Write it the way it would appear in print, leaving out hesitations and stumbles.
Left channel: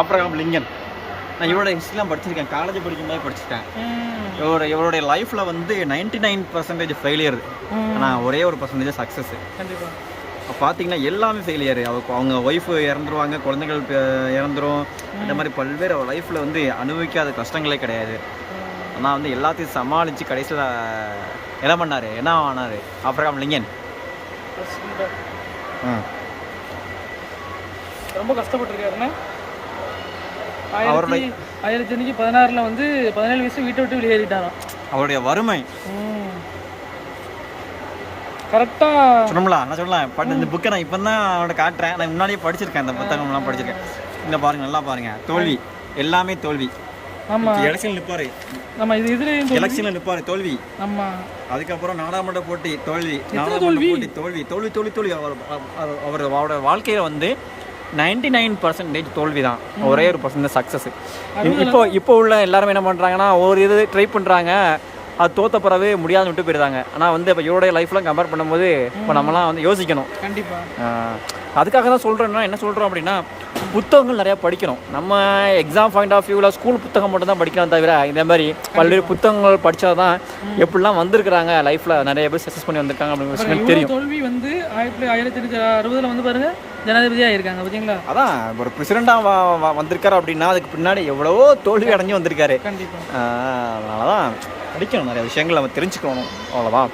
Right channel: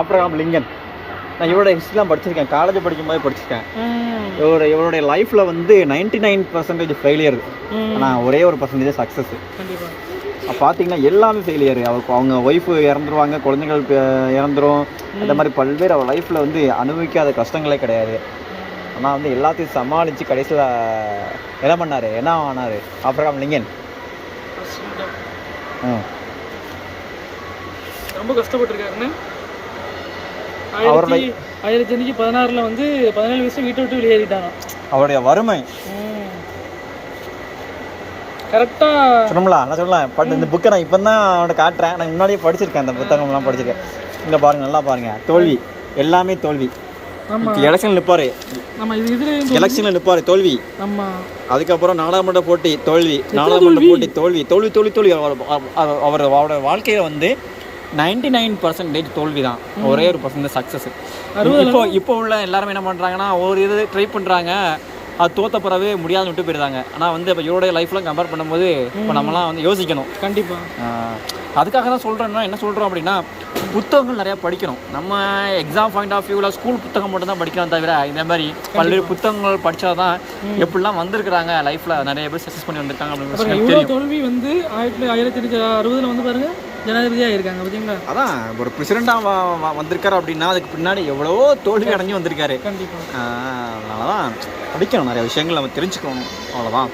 Abraham Lincoln. நான் இவரோட ஹிஸ்ட்ரிலாம் படிச்சிருக்கேன், காலேஜ் படிக்கும்போது படிச்சிருக்கேன். இவருடைய லைஃப்பில் வந்து 99% ஃபெயிலியர், ஆனால் ஒரே ஒரு பர்சன்டேஜ் சக்ஸஸ். கண்டிப்பாக பார்த்தீங்கன்னா எல்லாமே ஃபெயிலியர். அவங்க ஒய்ஃபு இறந்துருவாங்க, குழந்தைகள் இறந்துரும், அந்த மாதிரி பல்வேறு அவர் லைஃப்பில் வந்து அனுபவிக்காத கஷ்டங்களே கிடையாது. ஆனால் வந்து எல்லாத்தையும் சமாளித்து கடைசியில் என்ன பண்ணார், என்ன ஆனார் ஆப்ரகாம் லிங்கன்? ரொம்ப கஷ்டப்பட்டுருக்காருன்னா அவருடைய 1916 வந்து 17 வயசுல வீட்டை விட்டு வெளியேறிட்டாங்க. அவருடைய வறுமை கரெக்டாக சொல்லலாம். நான் சொல்லலாம் பட் இந்த புக்கை நான் இப்போ தான் அவனை காட்டுறேன். நான் முன்னாடியே படிச்சிருக்கேன், இந்த புத்தகம்லாம் படிச்சிருக்கேன். இங்கே பாருங்கள், நல்லா பாருங்கள், தோல்வி, எல்லாமே தோல்வி. எலெக்ஷனில் நிற்பார், எலெக்ஷனில் நிற்பார், தோல்வி. அதுக்கப்புறம் நாடாளுமன்ற போட்டி தோல்வி, நாடாளுமன்ற போட்டி தோல்வி, தோல்வி தோல்வி தோல்வி. அவரோட வாழ்க்கையில் வந்து 99% தோல்வி தான், ஒரே ஒரு பர்சன்ட் சக்ஸஸ். இப்போ உள்ள எல்லாருமே என்ன பண்ணுறாங்கன்னா, ஒரு இது ட்ரை பண்ணுறாங்க, அது தோற்ற பிறவே முடியாதுன்னு விட்டு போயிடுறாங்க. ஆனால் வந்து இப்போ இவருடைய லைஃப்லாம் கம்பேர் பண்ணும்போது இப்போ நம்மலாம் வந்து யோசிக்கணும். கண்டிப்பாக அதுக்காக தான் சொல்கிறேன்னா, என்ன சொல்கிறோம் அப்படின்னா, புத்தகங்கள் நிறையா படிக்கணும். நம்ம எக்ஸாம் பாயிண்ட் ஆஃப் வியூவில் ஸ்கூல் புத்தகம் மட்டும் தான் படிக்கலாம் தவிர, இந்த மாதிரி பல்வேறு புத்தகங்கள் படித்தா தான் எப்படிலாம் வந்திருக்கிறாங்க, லைஃப்பில் நிறைய பேர் சக்ஸஸ் பண்ணி வந்திருக்காங்க அப்படின்னு. இவ்வளோ தோல்வி வந்து 1960 வந்து பாருங்கள் ஜனாதிபதியாக இருக்காங்க, பார்த்தீங்களா? அதான் ஒரு பிரசிடெண்டாக வந்திருக்காரு அப்படின்னா அதுக்கு பின்னாடி எவ்வளவோ தோல்வி அடைஞ்சு வந்திருக்காரு. கண்டிப்பாக அதனால தான் படிக்கணும், நிறைய விஷயங்கள் நம்ம தெரிஞ்சுக்கணும், அவ்வளோதான்.